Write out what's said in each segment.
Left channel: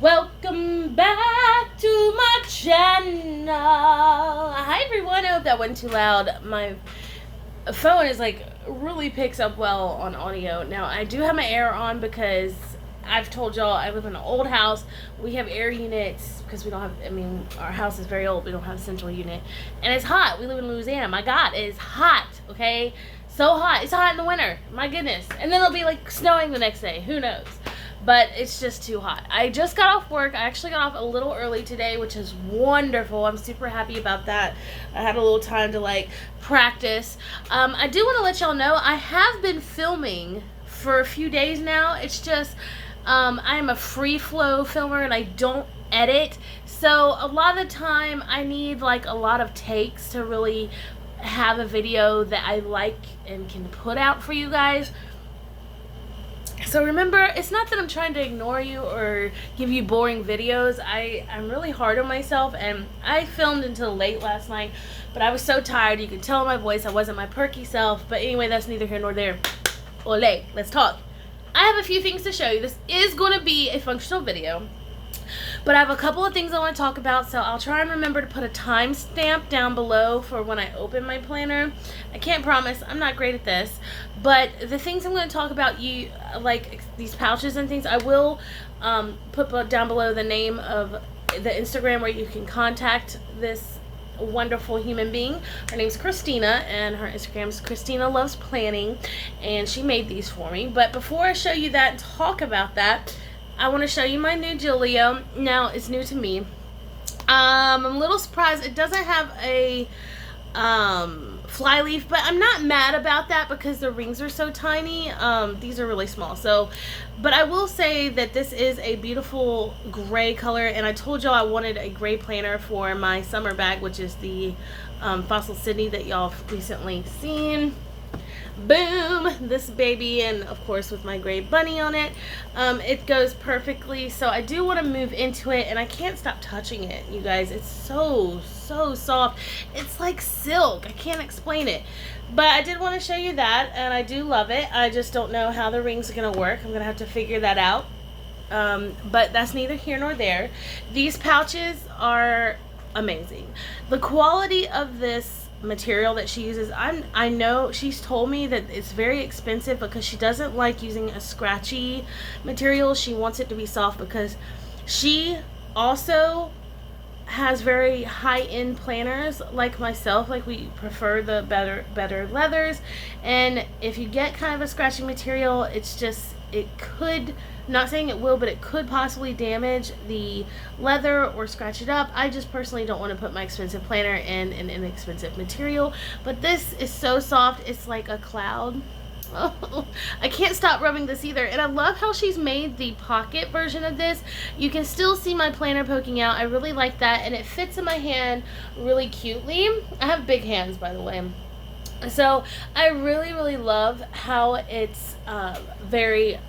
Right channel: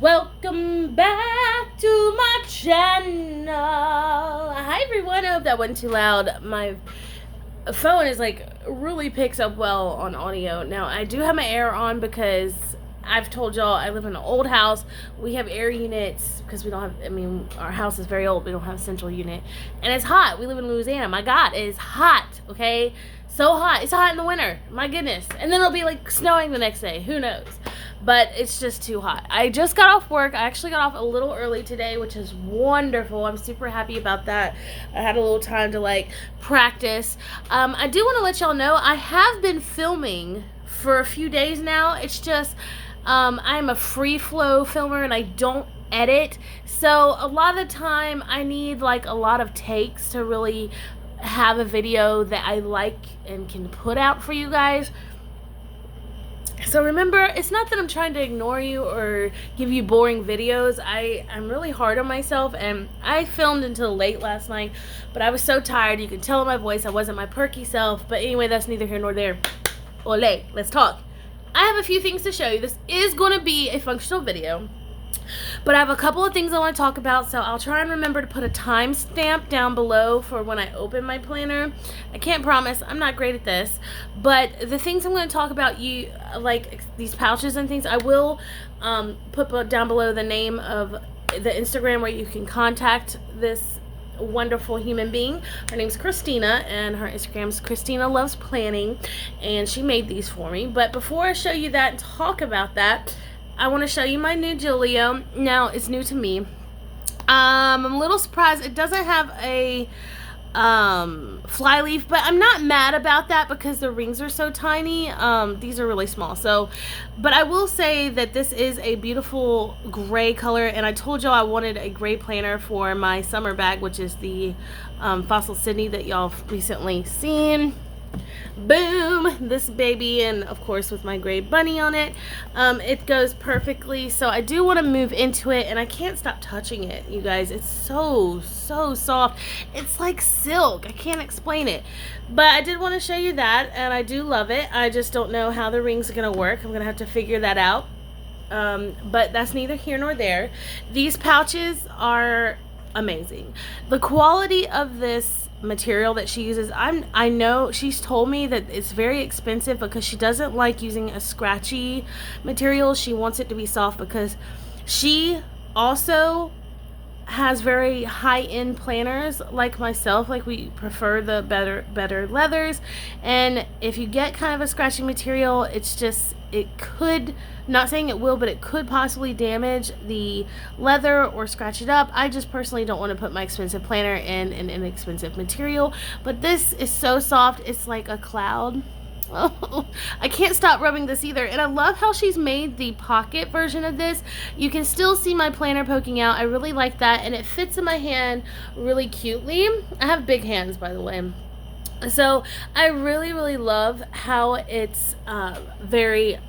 Welcome back to my channel. Hi everyone, I hope that wasn't too loud. My phone is really picks up well on audio. Now I do have my air on because I've told y'all I live in an old house. We have air units because we don't have, our house is very old. We don't have a central unit. And it's hot. We live in Louisiana. My God, it is hot, okay? So hot. It's hot in the winter. My goodness. And then it'll be snowing the next day. Who knows? But it's just too hot. I just got off work. I actually got off a little early today, which is wonderful. I'm super happy about that. I had a little time to practice. I do want to let y'all know I have been filming for a few days now. It's just I'm a free flow filmer and I don't edit. So a lot of the time I need a lot of takes to really have a video that I like and can put out for you guys. So remember, it's not that I'm trying to ignore you or give you boring videos. I'm really hard on myself, and I filmed until late last night, but I was so tired. You can tell in my voice I wasn't my perky self. But anyway, that's neither here nor there. Ole, let's talk. I have a few things to show you. This is going to be a functional video, but I have a couple of things I want to talk about, so I'll try and remember to put a timestamp down below for when I open my planner. I can't promise. I'm not great at this. But the things I'm going to talk about, these pouches and things, I will put down below the name of the Instagram where you can contact this wonderful human being. Her name's Christina, and her Instagram's Christina Loves Planning, and she made these for me. But before I show you that and talk about that, I want to show you my new Julio. Now, it's new to me. I'm a little surprised it doesn't have a fly leaf, but I'm not mad about that because the rings are so tiny. These are really small. But I will say that this is a beautiful gray color, and I told y'all I wanted a gray planner for my summer bag, which is the Fossil Sydney that y'all have recently seen. Boom, this baby, and of course with my gray bunny on it. It goes perfectly. So I do want to move into it, and I can't stop touching it, you guys. It's so soft. It's like silk. I can't explain it, but I did want to show you that, and I do love it. I just don't know how the rings are gonna work. I'm gonna have to figure that out, but that's neither here nor there. These pouches are amazing. The quality of this material that she uses, I know she's told me that it's very expensive because she doesn't like using a scratchy material. She wants it to be soft because she also has very high-end planners like myself. We prefer the better leathers, and if you get kind of a scratchy material, it could, not saying it will, but it could possibly damage the leather or scratch it up. I just personally don't want to put my expensive planner in an inexpensive material. But this is so soft, it's like a cloud. Oh, I can't stop rubbing this either. And I love how she's made the pocket version of this. You can still see my planner poking out. I really like that, and it fits in my hand really cutely. I have big hands, by the way. So I really love how it's very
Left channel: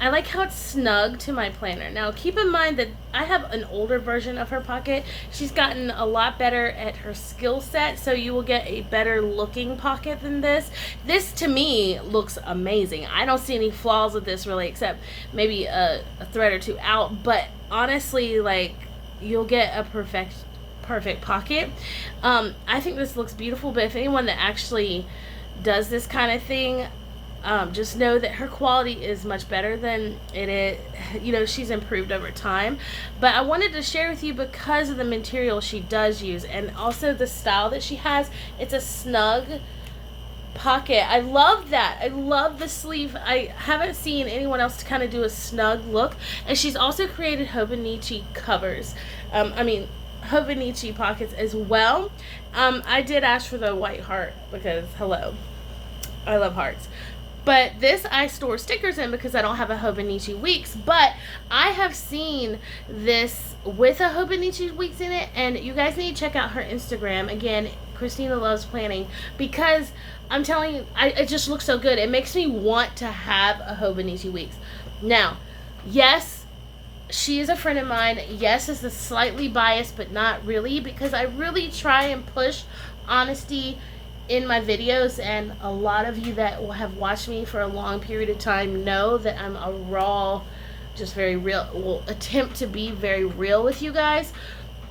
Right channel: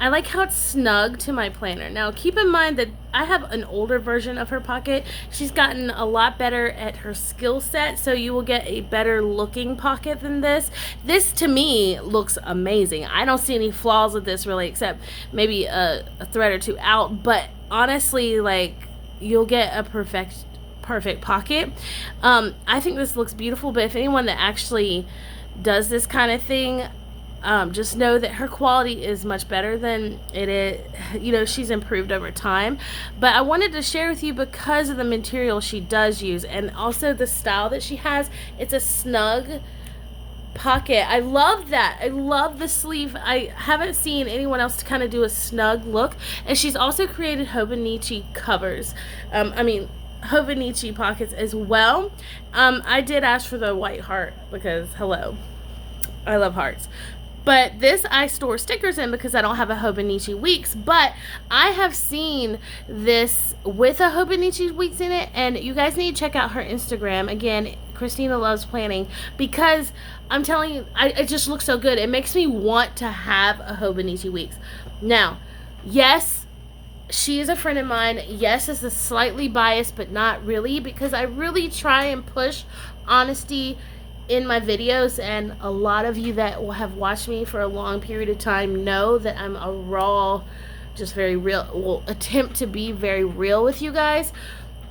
I like how it's snug to my planner. Now, keep in mind that I have an older version of her pocket. She's gotten a lot better at her skill set, so you will get a better looking pocket than this. This, to me, looks amazing. I don't see any flaws with this, really, except maybe a thread or two out. But honestly, you'll get a perfect pocket. I think this looks beautiful, but if anyone that actually does this kind of thing, just know that her quality is much better than it is. She's improved over time. But I wanted to share with you because of the material she does use, and also the style that she has. It's a snug pocket. I love that. I love the sleeve. I haven't seen anyone else to kind of do a snug look. And she's also created Hobonichi covers. Hobonichi pockets as well. I did ask for the white heart because, hello, I love hearts. But this I store stickers in because I don't have a Hobonichi Weeks. But I have seen this with a Hobonichi Weeks in it. And you guys need to check out her Instagram. Again, Christina Loves Planning. Because I'm telling you, it just looks so good. It makes me want to have a Hobonichi Weeks. Now, yes, she is a friend of mine. Yes, it's a slightly biased, but not really. Because I really try and push honesty in my videos, and a lot of you that have watched me for a long period of time know that I'm a raw, just very real, will attempt to be very real with you guys.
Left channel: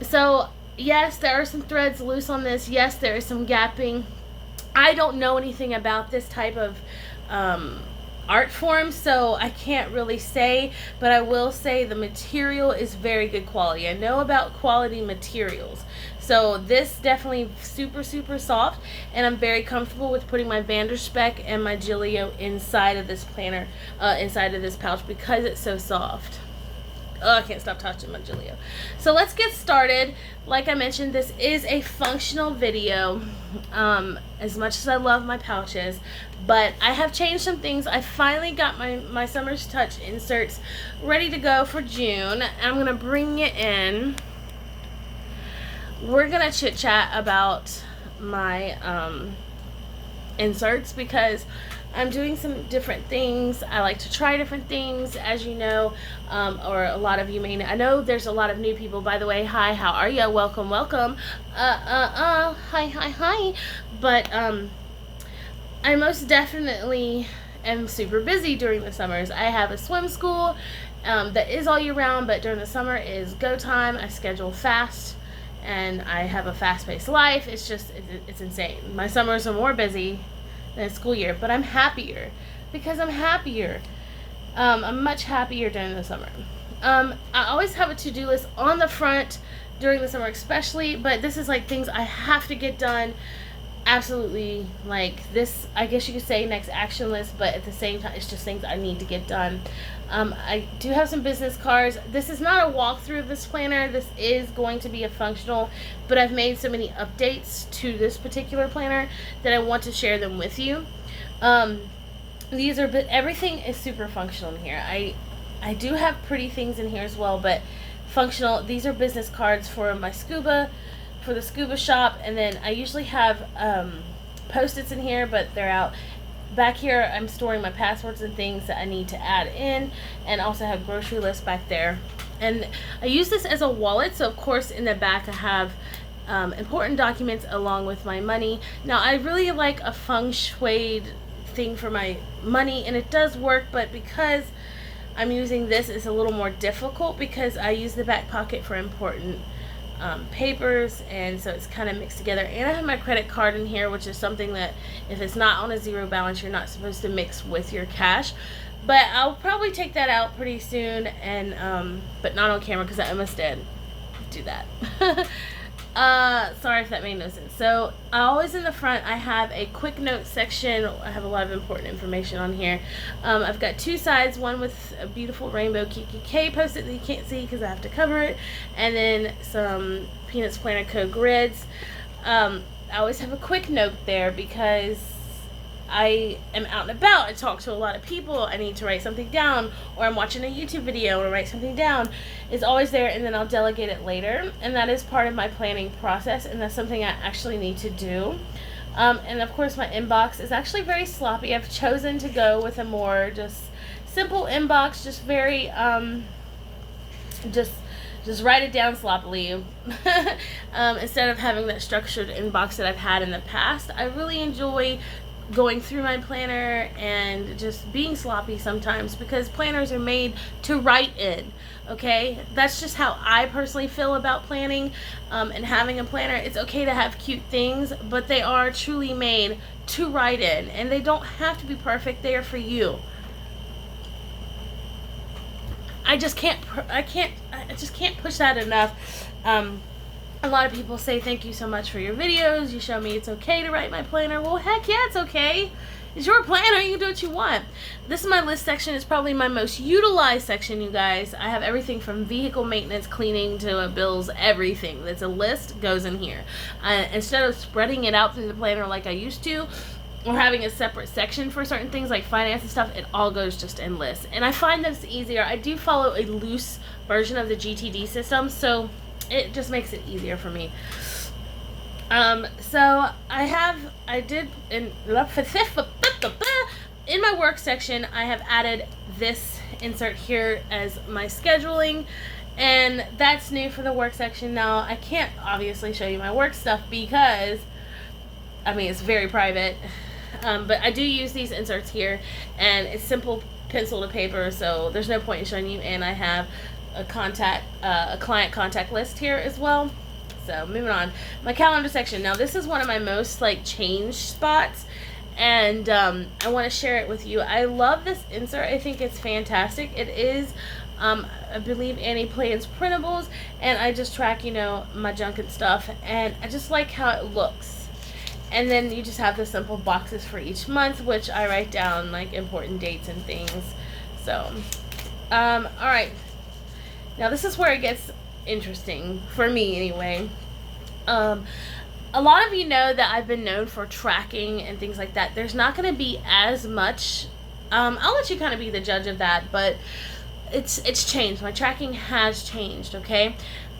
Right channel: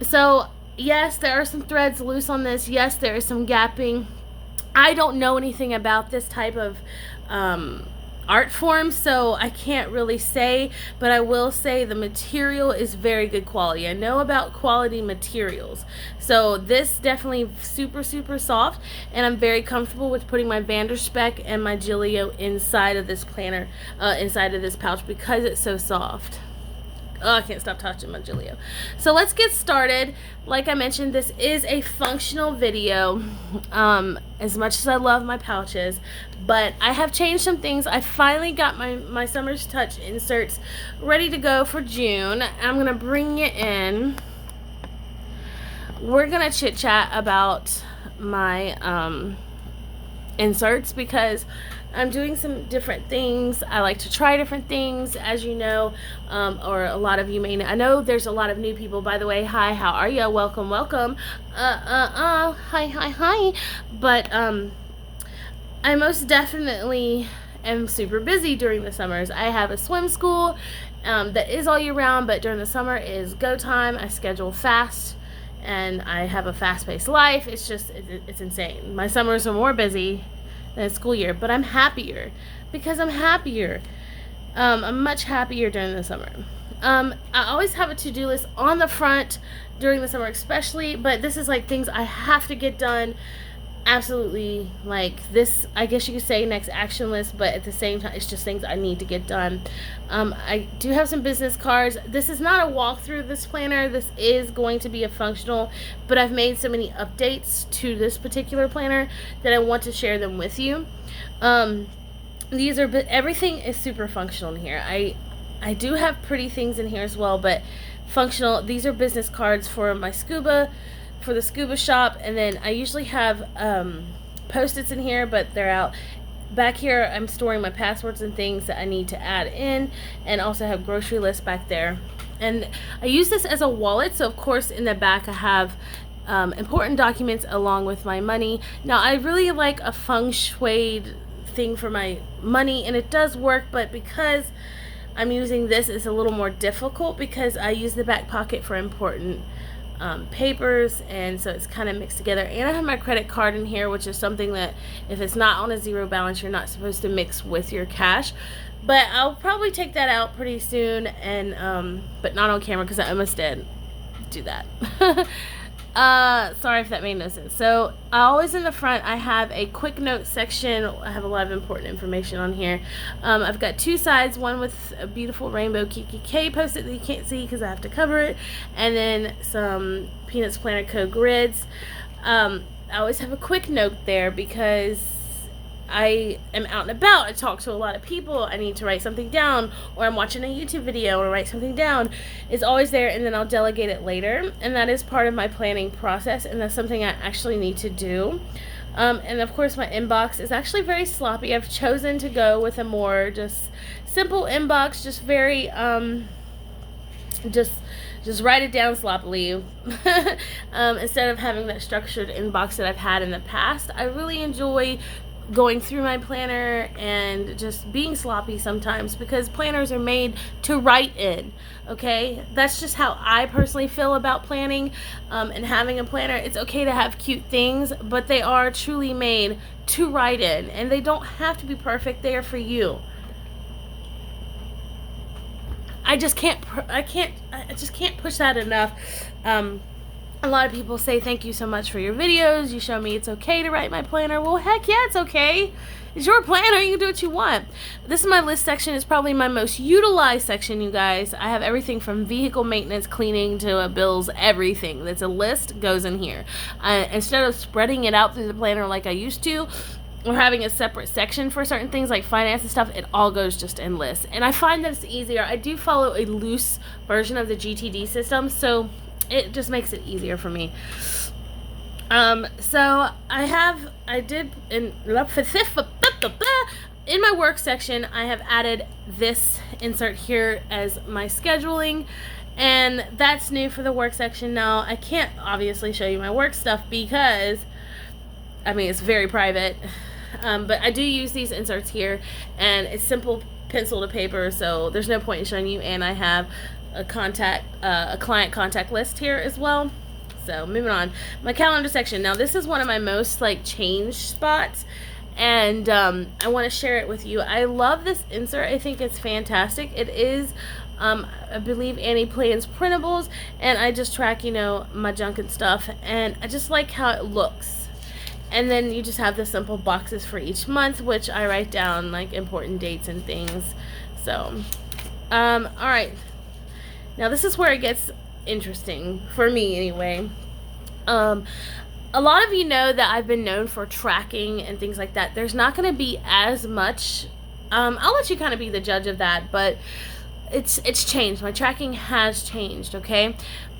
So yes, there are some threads loose on this. Yes, there is some gapping. I don't know anything about this type of art form, so I can't really say, but I will say the material is very good quality. I know about quality materials, so this definitely super super soft, and I'm very comfortable with putting my Vanderspec and my Gillio inside of this planner, inside of this pouch, because it's so soft. Oh, I can't stop touching my Gillio. So let's get started. Like I mentioned, this is a functional video, as much as I love my pouches, but I have changed some things. I finally got my Summer's Touch inserts ready to go for June. I'm going to bring it in. We're going to chit chat about my inserts, because I'm doing some different things. I like to try different things, as you know, or a lot of you may know. I know there's a lot of new people, by the way. Hi, how are you? Welcome, welcome. Hi. But I most definitely am super busy during the summers. I have a swim school that is all year round, but during the summer is go time. I schedule fast, and I have a fast-paced life. It's just, it's insane. My summers are more busy than a school year, but I'm happier because I'm happier. I'm much happier during the summer. I always have a to-do list on the front during the summer especially, but this is like things I have to get done. Absolutely, like this, I guess you could say next action list, but at the same time, it's just things I need to get done. I do have some business cards. This is not a walkthrough of this planner. This is going to be a functional, but I've made so many updates to this particular planner that I want to share them with you. These are, everything is super functional in here. I do have pretty things in here as well, but functional. These are business cards for my scuba, for the scuba shop, and then I usually have Post-its in here, but they're out. Back here, I'm storing my passwords and things that I need to add in, and also have grocery lists back there. And I use this as a wallet, so of course in the back I have important documents along with my money. Now I really like a feng shui thing for my money, and it does work, but because I'm using this, it's a little more difficult because I use the back pocket for important papers, and so it's kind of mixed together. And I have my credit card in here, which is something that if it's not on a zero balance, you're not supposed to mix with your cash, but I'll probably take that out pretty soon, and but not on camera because I almost did do that. Sorry if that made no sense. So always in the front I have a quick note section. I have a lot of important information on here. I've got two sides, one with a beautiful rainbow KKK post-it that you can't see because I have to cover it, and then some Peanuts Planner Code grids. I always have a quick note there because I am out and about. I talk to a lot of people. I need to write something down, or I'm watching a YouTube video and write something down. It's always there, and then I'll delegate it later, and that is part of my planning process, and that's something I actually need to do. And of course my inbox is actually very sloppy. I've chosen to go with a more just simple inbox, just very just write it down sloppily. Instead of having that structured inbox that I've had in the past. I really enjoy going through my planner and just being sloppy sometimes, because planners are made to write in. Okay, that's just how I personally feel about planning, and having a planner. It's okay to have cute things, but they are truly made to write in, and they don't have to be perfect. They are for you. I just can't push that enough. A lot of people say thank you so much for your videos. You show me it's okay to write my planner. Well, heck yeah, it's okay. It's your planner. You can do what you want. This is my list section. It's probably my most utilized section, you guys. I have everything from vehicle maintenance, cleaning, to bills, everything. That's a list goes in here. Instead of spreading it out through the planner like I used to, or having a separate section for certain things like finance and stuff, it all goes just in lists. And I find that it's easier. I do follow a loose version of the GTD system, so it just makes it easier for me. So I did in my work section, I have added this insert here as my scheduling, and that's new for the work section. Now I can't obviously show you my work stuff because I mean it's very private, but I do use these inserts here, and it's simple pencil to paper, so there's no point in showing you. And I have a client contact list here as well. So moving on, my calendar section. Now this is one of my most like changed spots, and I want to share it with you. I love this insert. I think it's fantastic. It is, I believe, Annie Plans printables, and I just track, my junk and stuff, and I just like how it looks. And then you just have the simple boxes for each month, which I write down like important dates and things. So, all right. Now this is where it gets interesting for me anyway. A lot of you know that I've been known for tracking and things like that. There's not going to be as much. I'll let you kind of be the judge of that, but it's changed. My tracking has changed. Okay.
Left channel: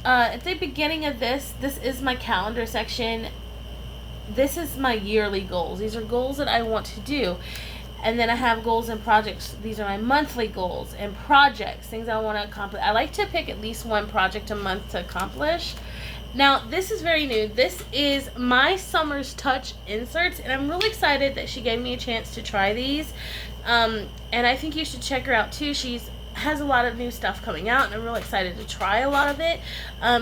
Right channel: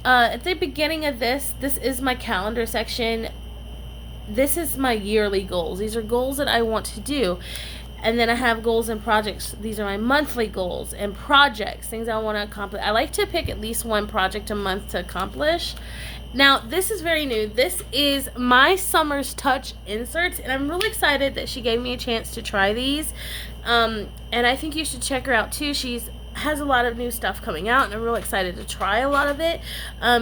At the beginning of this is my calendar section. This is my yearly goals. These are goals that I want to do. And then I have goals and projects. These are my monthly goals and projects, things I want to accomplish. I like to pick at least one project a month to accomplish. Now, this is very new. This is my Summer's Touch inserts, and I'm really excited that she gave me a chance to try these. And I think you should check her out too. Has a lot of new stuff coming out, and I'm really excited to try a lot of it,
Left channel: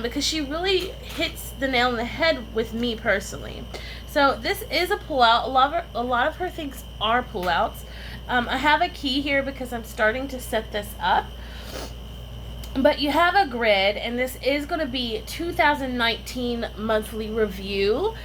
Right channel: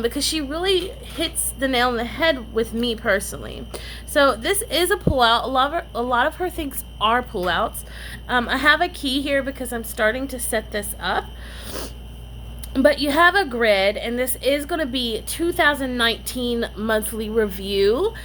because she really hits the nail on the head with me personally. So this is a pullout. A lot of her things are pullouts. I have a key here because I'm starting to set this up. But you have a grid, and this is going to be 2019 monthly review.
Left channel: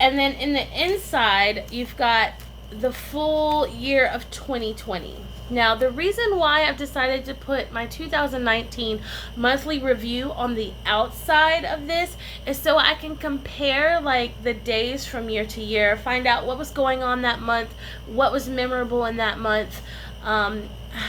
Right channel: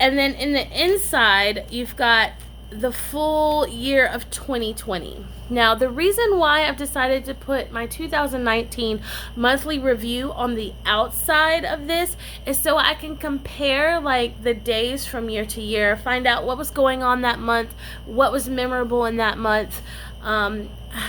And then in the inside, you've got the full year of 2020. Now, the reason why I've decided to put my 2019 monthly review on the outside of this is so I can compare like the days from year to year, find out what was going on that month, what was memorable in that month,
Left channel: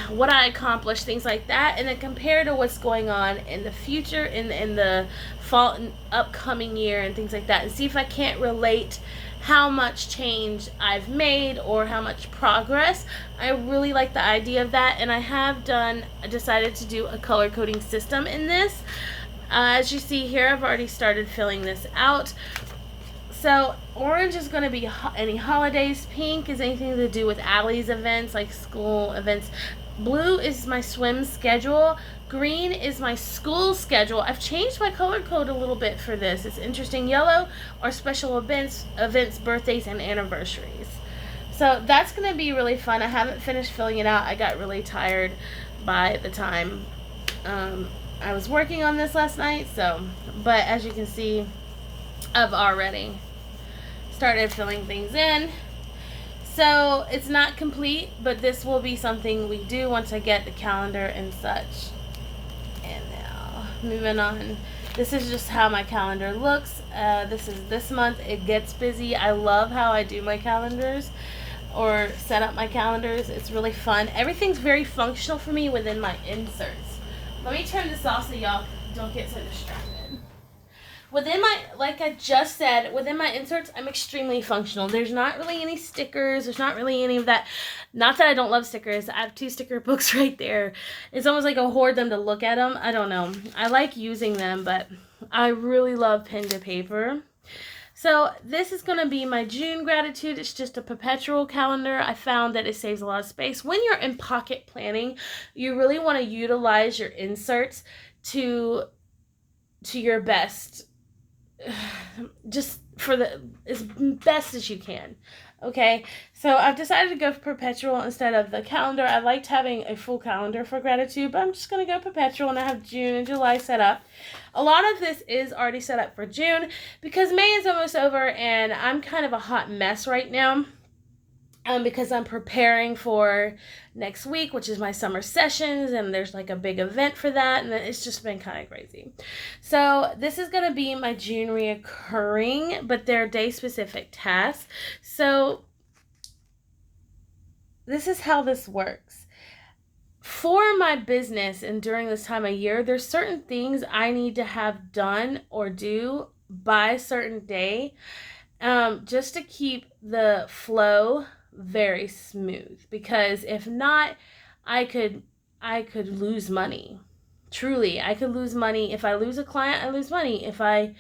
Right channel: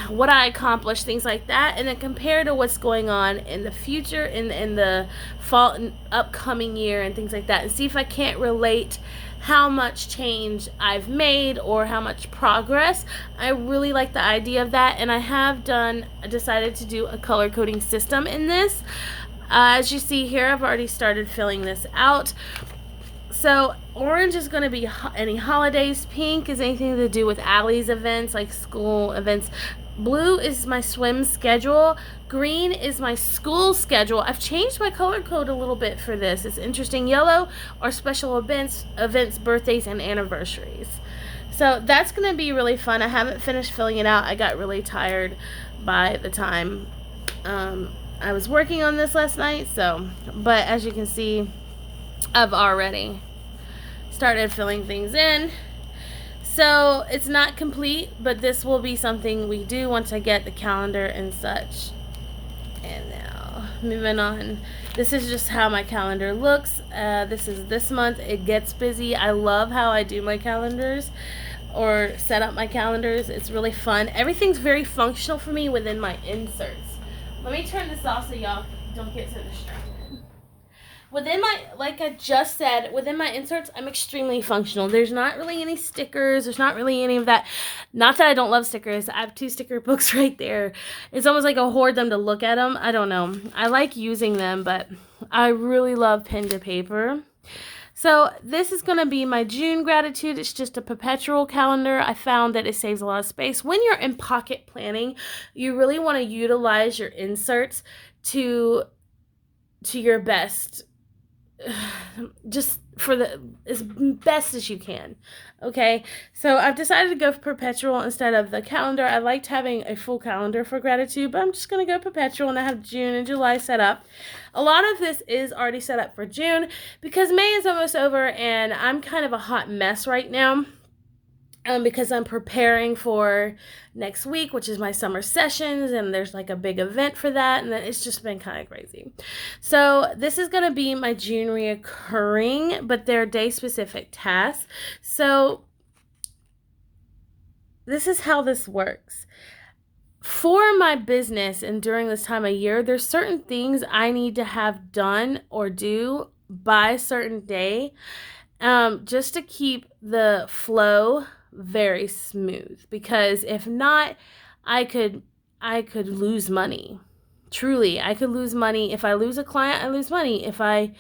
what I accomplished, things like that, and then compare to what's going on in the future, in the fall and upcoming year, and things like that, and see if I can't relate how much change I've made or how much progress. I really like the idea of that, and I decided to do a color coding system in this. As you see here, I've already started filling this out. So orange is going to be any holidays. Pink is anything to do with Allie's events, like school events. Blue is my swim schedule. Green is my school schedule. I've changed my color code a little bit for this. It's interesting. Yellow are special events, birthdays, and anniversaries. So that's going to be really fun. I haven't finished filling it out. I got really tired by the time I was working on this last night. But as you can see, I've already started filling things in. So it's not complete, but this will be something we do once I get the calendar and such. And now, moving on. This is just how my calendar looks. This is this month. It gets busy. I love how I do my calendars or set up my calendars. It's really fun. Everything's very functional for me within my inserts. Let me turn this off so y'all don't get so distracted. Like I just said, within my inserts, I'm extremely functional. There's not really any stickers. There's not really any of that. Not that I don't love stickers. I have 2 sticker books right there. It's almost like I hoard them to look at them. I don't know. I like using them, but I really love pen to paper. So this is going to be my June gratitude. It's just a perpetual calendar. I found that it saves a lot of space. When you're in pocket planning, you really want to utilize your inserts to your best, just for as best as you can. Okay, so I've decided to go for perpetual instead of the calendar. I liked having a full calendar for gratitude, but I'm just going to go perpetual, and I have June and July set up. A lot of this is already set up for June because May is almost over, and I'm kind of a hot mess right now. Because I'm preparing for next week, which is my summer sessions, and there's like a big event for that, and it's just been kind of crazy. So this is going to be my June reoccurring, but they're day-specific tasks. So this is how this works. For my business and during this time of year, there's certain things I need to have done or do by a certain day, just to keep the flow very smooth, because if not, I could lose money. Truly, I could lose money. If I lose a client, I lose money. If I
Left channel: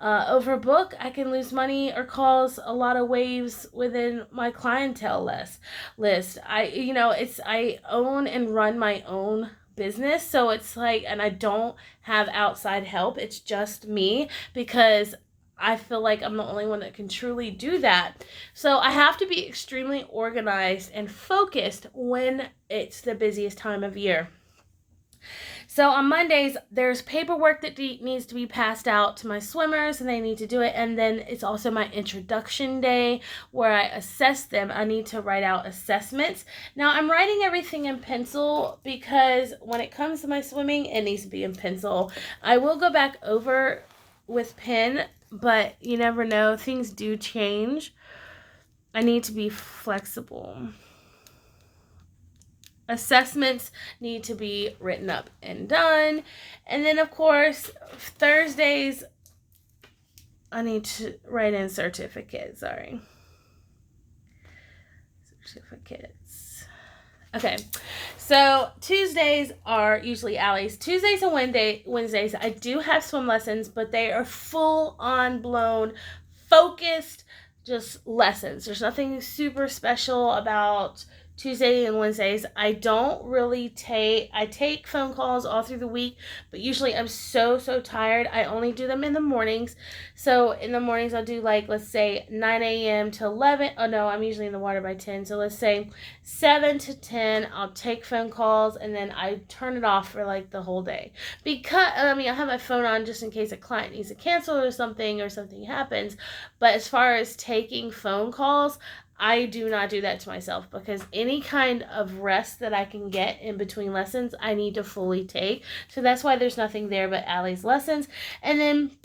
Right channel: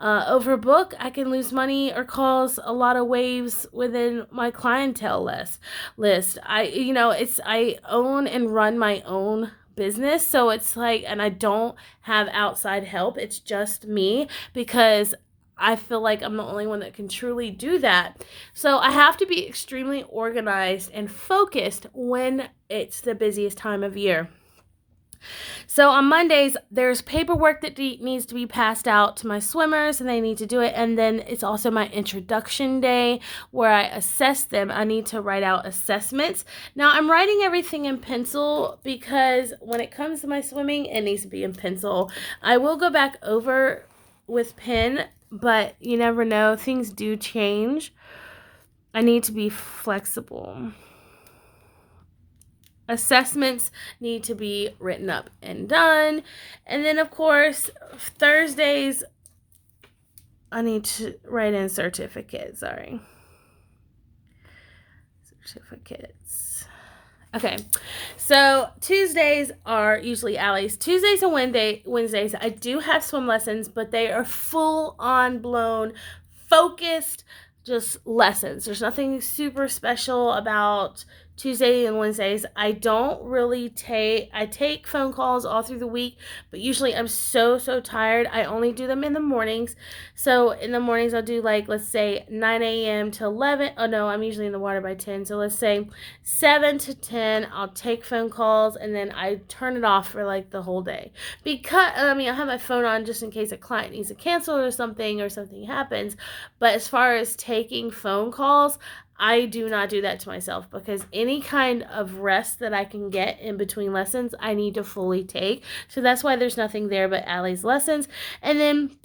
Overbook, I can lose money or cause a lot of waves within my clientele list. I own and run my own business, so it's like, and I don't have outside help. It's just me because I feel like I'm the only one that can truly do that. So I have to be extremely organized and focused when it's the busiest time of year. So on Mondays, there's paperwork that needs to be passed out to my swimmers, and they need to do it. And then it's also my introduction day where I assess them. I need to write out assessments. Now, I'm writing everything in pencil because when it comes to my swimming, it needs to be in pencil. I will go back over with pen, but you never know. Things do change. I need to be flexible. Assessments need to be written up and done. And then, of course, Thursdays, I need to write in certificates. Certificates. Okay. So Tuesdays are usually Allie's. Tuesdays and Wednesdays, I do have swim lessons, but they are full on blown, focused, just lessons. There's nothing super special about Tuesday and Wednesdays. I don't really I take phone calls all through the week, but usually I'm so tired. I only do them in the mornings. So in the mornings I'll do, like, let's say 9 a.m. to 11. Oh no, I'm usually in the water by 10. So let's say 7 to 10, I'll take phone calls, and then I turn it off for like the whole day. Because, I have my phone on just in case a client needs to cancel or something happens. But as far as taking phone calls, I do not do that to myself, because any kind of rest that I can get in between lessons, I need to fully take. So that's why there's nothing there but Allie's lessons. And then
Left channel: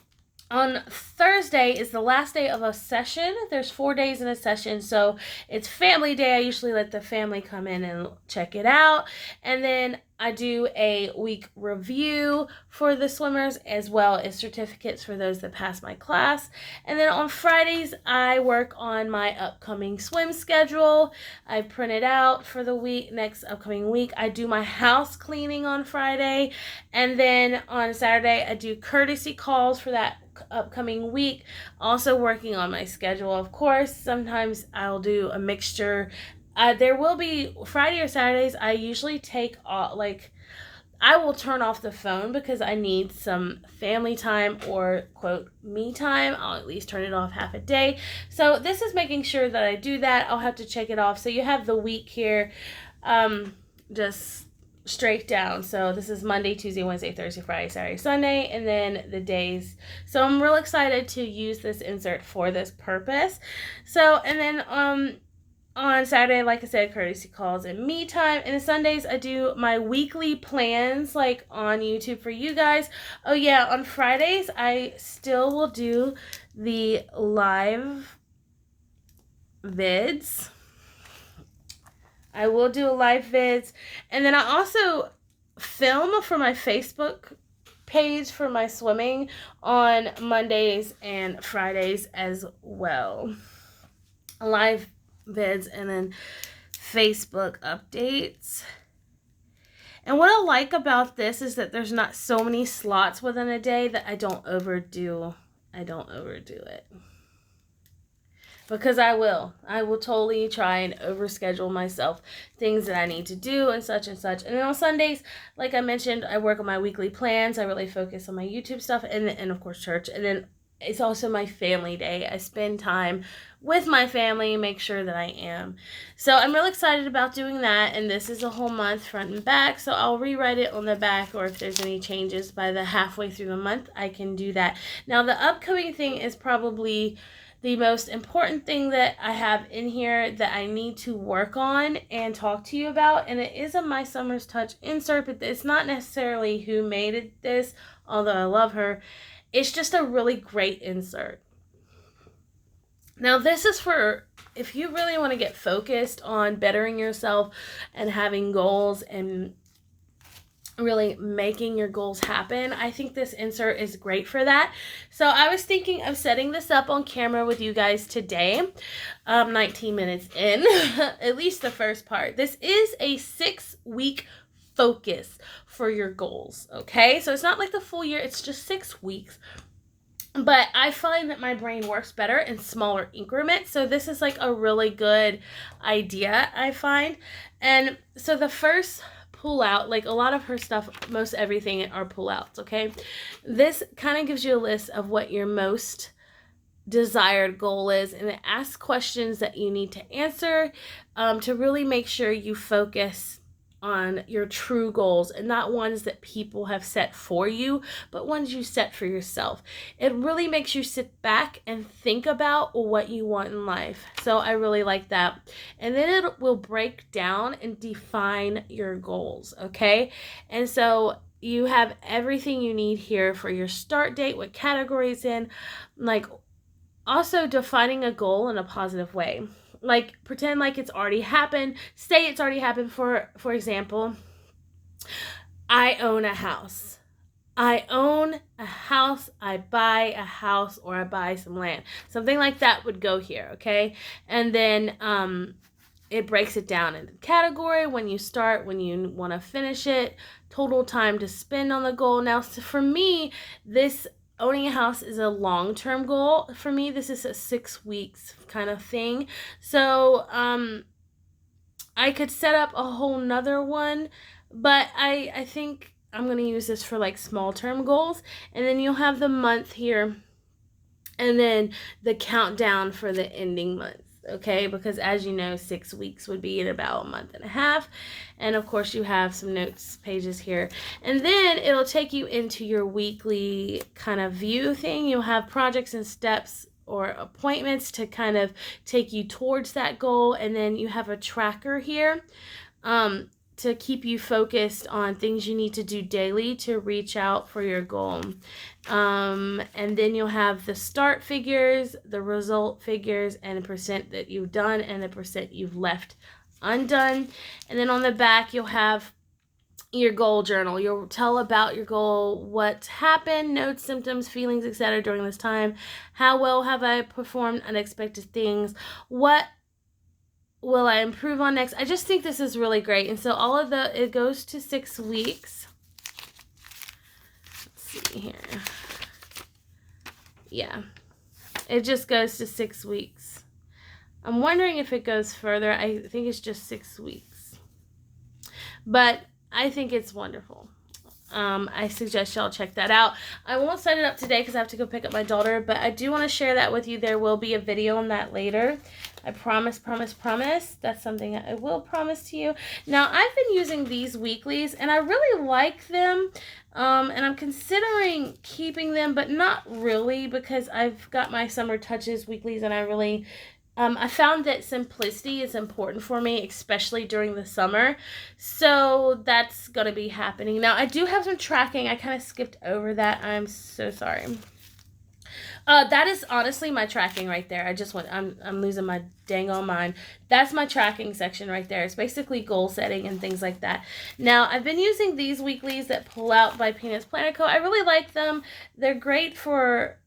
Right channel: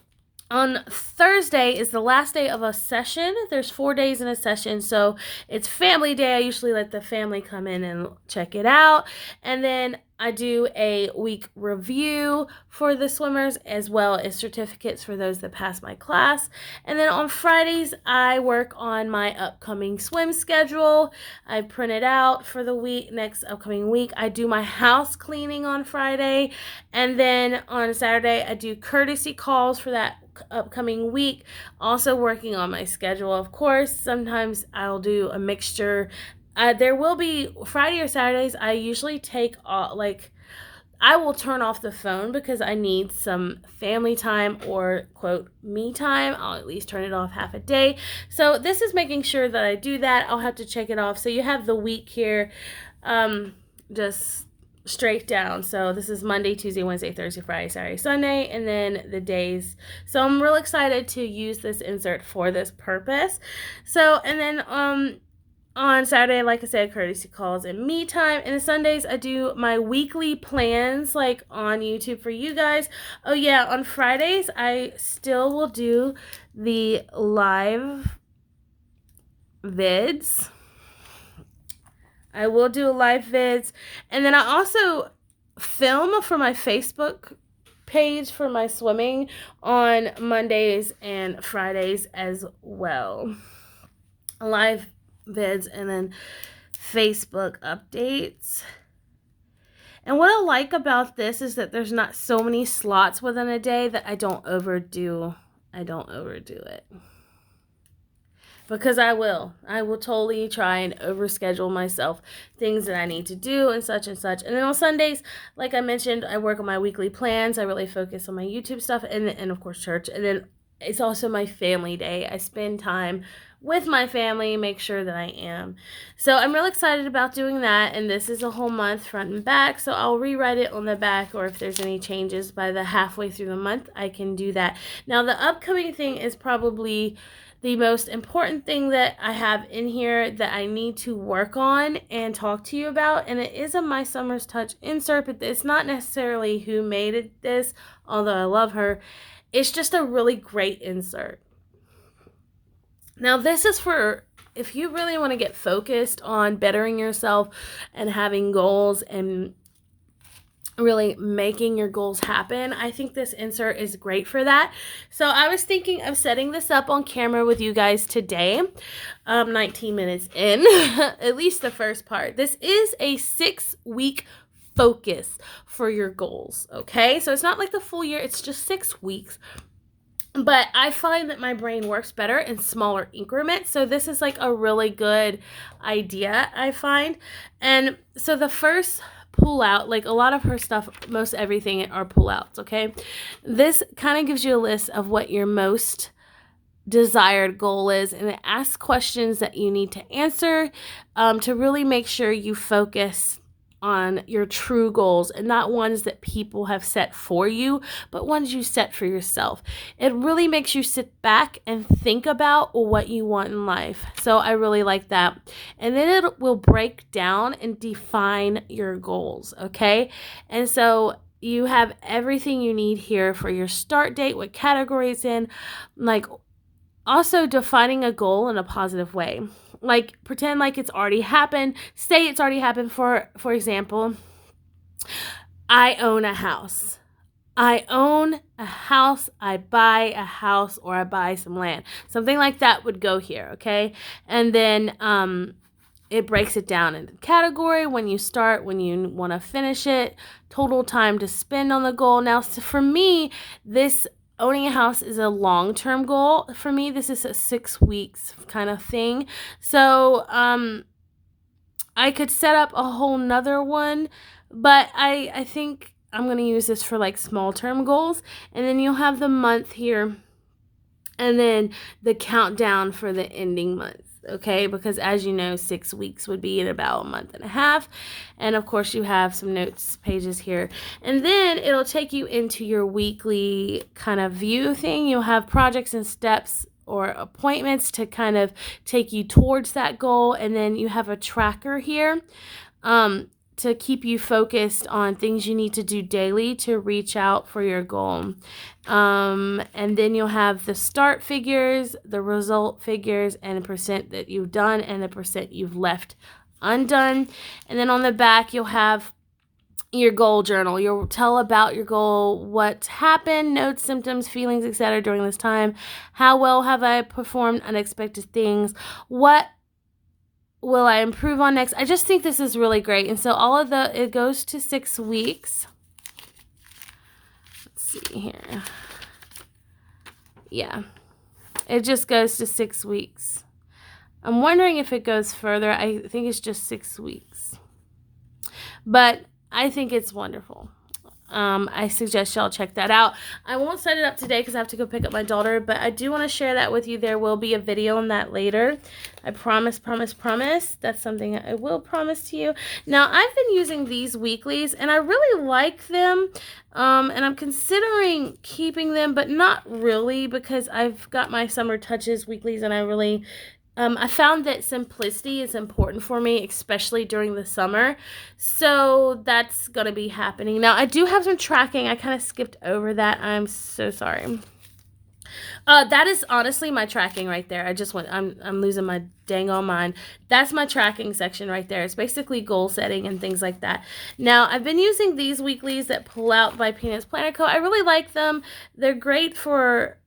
on Thursday is the last day of a session. There's 4 days in a session, so it's family day. I usually let the family come in and check it out. And then I do a week review for the swimmers, as well as certificates for those that pass my class. And then on Fridays, I work on my upcoming swim schedule. I print it out for the next upcoming week. I do my house cleaning on Friday. And then on Saturday, I do courtesy calls for that upcoming week. Also working on my schedule, of course. Sometimes I'll do a mixture. There will be Friday or Saturdays, I usually take off, I will turn off the phone because I need some family time or, quote, me time. I'll at least turn it off half a day. So this is making sure that I do that. I'll have to check it off. So you have the week here just straight down. So this is Monday, Tuesday, Wednesday, Thursday, Friday, Saturday, Sunday, and then the days. So I'm real excited to use this insert for this purpose. So, and then on Saturday, like I said, courtesy calls and me time. And on Sundays, I do my weekly plans, like on YouTube for you guys. Oh yeah, on Fridays, I still will do the live vids. I will do live vids. And then I also film for my Facebook page for my swimming on Mondays and Fridays as well. Live vids and then Facebook updates. And what I like about this is that there's not so many slots within a day that I don't overdo it. Because I will totally try and overschedule myself, things that I need to do and such and such. And then on Sundays, like I mentioned, I work on my weekly plans. I really focus on my YouTube stuff and of course church. And then it's also my family day. I spend time with my family, make sure that I am. So I'm real excited about doing that. And this is a whole month front and back. So I'll rewrite it on the back, or if there's any changes by the halfway through the month, I can do that. Now the upcoming thing is probably the most important thing that I have in here that I need to work on and talk to you about. And it is a My Summer's Touch insert, but it's not necessarily who made this, although I love her. It's just a really great insert. Now this is for if you really want to get focused on bettering yourself and having goals and really making your goals happen. I think this insert is great for that. So I was thinking of setting this up on camera with you guys today. 19 minutes in, at least the first part. This is a 6-week focus for your goals, okay? So it's not like the full year, it's just 6 weeks. But I find that my brain works better in smaller increments. So this is like a really good idea, I find. And so the first pull out, like a lot of her stuff, most everything are pull outs, okay? This kind of gives you a list of what your most desired goal is, and it asks questions that you need to answer to really make sure you focus on your true goals and not ones that people have set for you, but ones you set for yourself. It really makes you sit back and think about what you want in life. So I really like that. And then it will break down and define your goals, okay? And so you have everything you need here for your start date, what categories in, like also defining a goal in a positive way. Like pretend like it's already happened. Say it's already happened. For example, I own a house. I own a house, I buy a house, or I buy some land. Something like that would go here, okay? And then it breaks it down into category, when you start, when you want to finish it, total time to spend on the goal. Now, so for me, this owning a house is a long-term goal. For me, this is a 6 weeks kind of thing. So I could set up a whole nother one, but I think I'm going to use this for like small term goals. And then you'll have the month here and then the countdown for the ending month. Okay, because as you know, 6 weeks would be in about a month and a half. And of course, you have some notes pages here. And then it'll take you into your weekly kind of view thing. You'll have projects and steps or appointments to kind of take you towards that goal. And then you have a tracker here to keep you focused on things you need to do daily to reach out for your goal. And then you'll have the start figures, the result figures, and the percent that you've done and the percent you've left undone. And then on the back, you'll have your goal journal. You'll tell about your goal, what happened, notes, symptoms, feelings, etc. during this time. How well have I performed unexpected things? What will I improve on next? I just think this is really great. And so it goes to 6 weeks. Let's see here. Yeah, it just goes to 6 weeks. I'm wondering if it goes further. I think it's just 6 weeks. But I think it's wonderful. I suggest y'all check that out. I won't set it up today because I have to go pick up my daughter, but I do want to share that with you. There will be a video on that later. I promise. That's something I will promise to you. Now, I've been using these weeklies, and I really like them, and I'm considering keeping them, but not really because I've got my Summer Touches weeklies, and I found that simplicity is important for me, especially during the summer. So that's going to be happening. Now, I do have some tracking. I kind of skipped over that. I'm so sorry. That is honestly my tracking right there. I'm losing my dang on mind. That's my tracking section right there. It's basically goal setting and things like that. Now, I've been using these weeklies that pull out by Peanuts Planner Co. I really like them. They're great for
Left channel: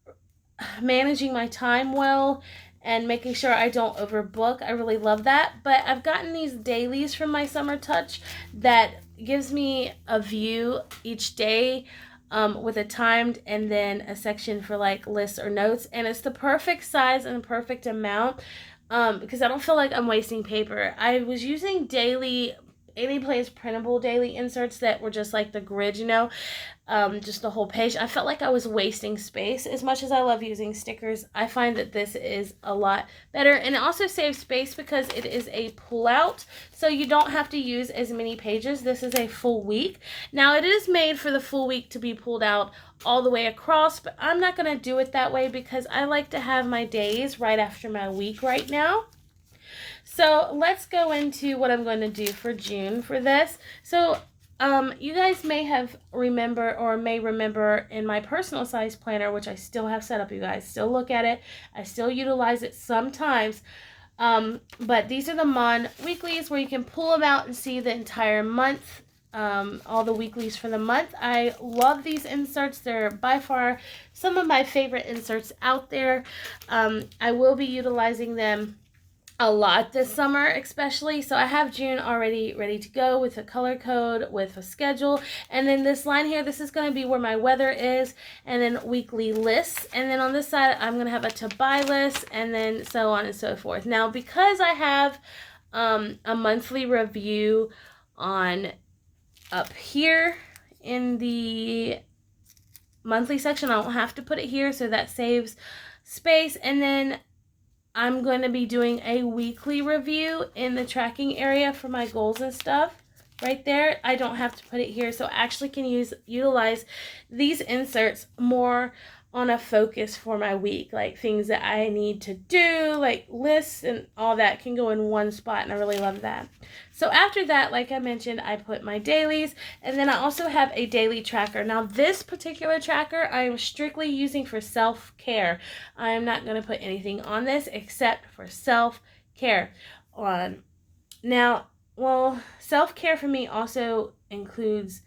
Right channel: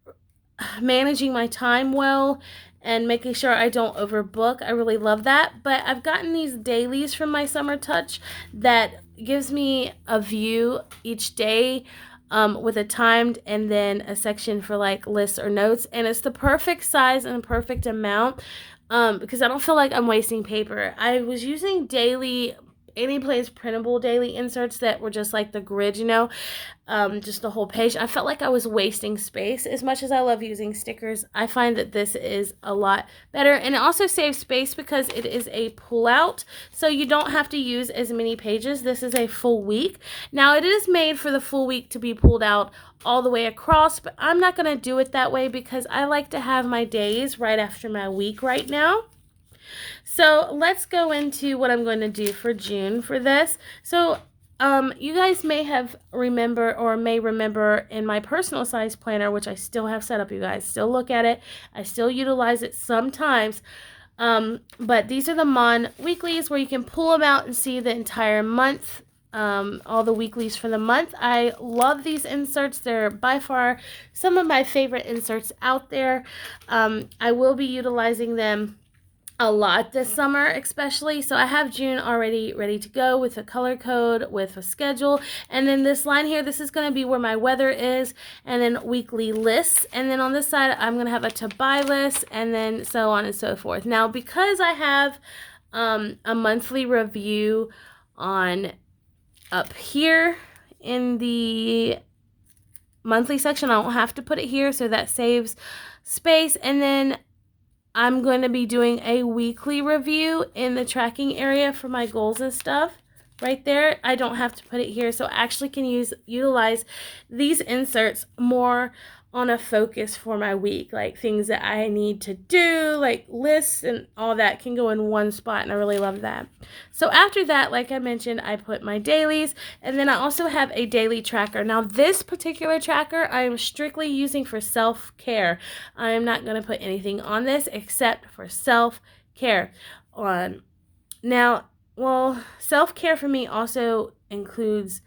managing my time well and making sure I don't overbook. I really love that. But I've gotten these dailies from my Summer Touch that gives me a view each day with a timed and then a section for like lists or notes. And it's the perfect size and perfect amount because I don't feel like I'm wasting paper. I was using daily Anyplace printable daily inserts that were just like the grid, just the whole page. I felt like I was wasting space. As much as I love using stickers, I find that this is a lot better, and it also saves space because it is a pull out, so you don't have to use as many pages. This is a full week. Now, it is made for the full week to be pulled out all the way across, but I'm not going to do it that way because I like to have my days right after my week right now. So let's go into what I'm going to do for June for this. So you guys may remember in my personal size planner, which I still have set up, you guys. Still look at it. I still utilize it sometimes. But these are the Mon weeklies where you can pull them out and see the entire month, all the weeklies for the month. I love these inserts. They're by far some of my favorite inserts out there. I will be utilizing them a lot this summer, especially. So I have June already ready to go with a color code, with a schedule. And then this line here, this is going to be where my weather is, and then weekly lists. And then on this side, I'm going to have a to buy list, and then so on and so forth. Now, because I have a monthly review on up here in the monthly section, I won't have to put it here, so that saves space. And then I'm going to be doing a weekly review in the tracking area for my goals and stuff. Right there, I don't have to put it here, so I actually can utilize these inserts more on a focus for my week, like things that I need to do, like lists and all that can go in one spot, and I really love that. So after that, like I mentioned, I put my dailies, and then I also have a daily tracker. Now this particular tracker I am strictly using for self-care. I'm not going to put anything on this except for self-care. Now, well, self-care for me also includes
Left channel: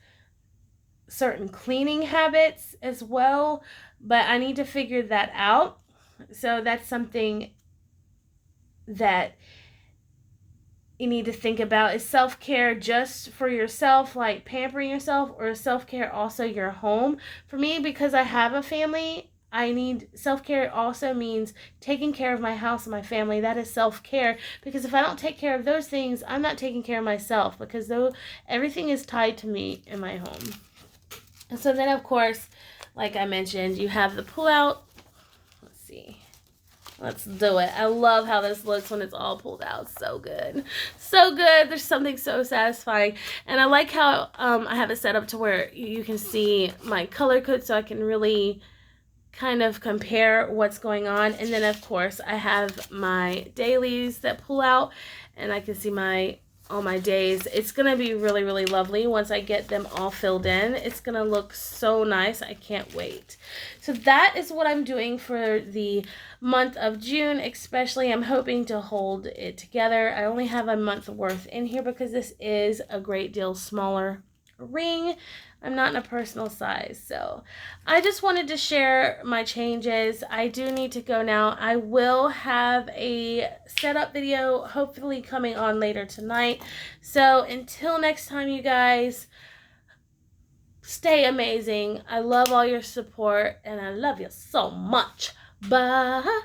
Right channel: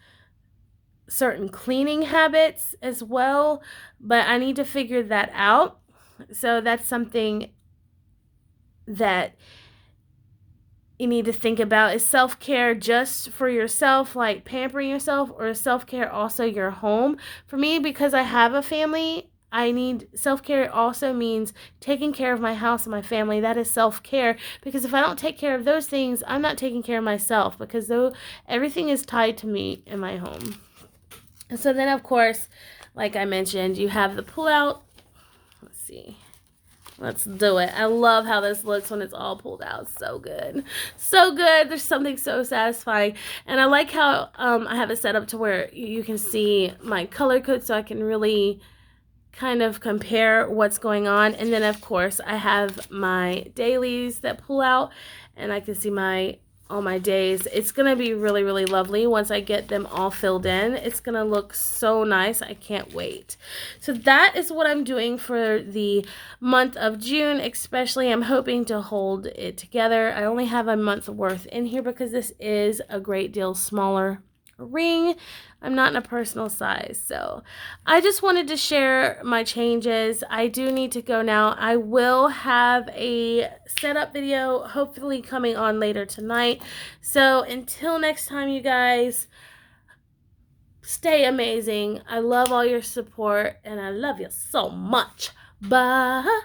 certain cleaning habits as well, but I need to figure that out. So that's something that you need to think about. Is self-care just for yourself, like pampering yourself, or is self-care also your home? For me, because I have a family, I need self-care also means taking care of my house and my family. That is self-care, because if I don't take care of those things, I'm not taking care of myself, because though everything is tied to me in my home. And so then, of course, like I mentioned, you have the pull-out. Let's see. Let's do it. I love how this looks when it's all pulled out. So good. So good. There's something so satisfying. And I like how I have it set up to where you can see my color code, so I can really kind of compare what's going on. And then, of course, I have my dailies that pull out, and I can see all my days. It's going to be really, really lovely once I get them all filled in. It's going to look so nice. I can't wait. So that is what I'm doing for the month of June, especially. I'm hoping to hold it together. I only have a month worth in here because this is a great deal smaller ring. I'm not in a personal size, so I just wanted to share my changes. I do need to go now. I will have a setup video hopefully coming on later tonight. So until next time, you guys, stay amazing. I love all your support, and I love you so much. Bye.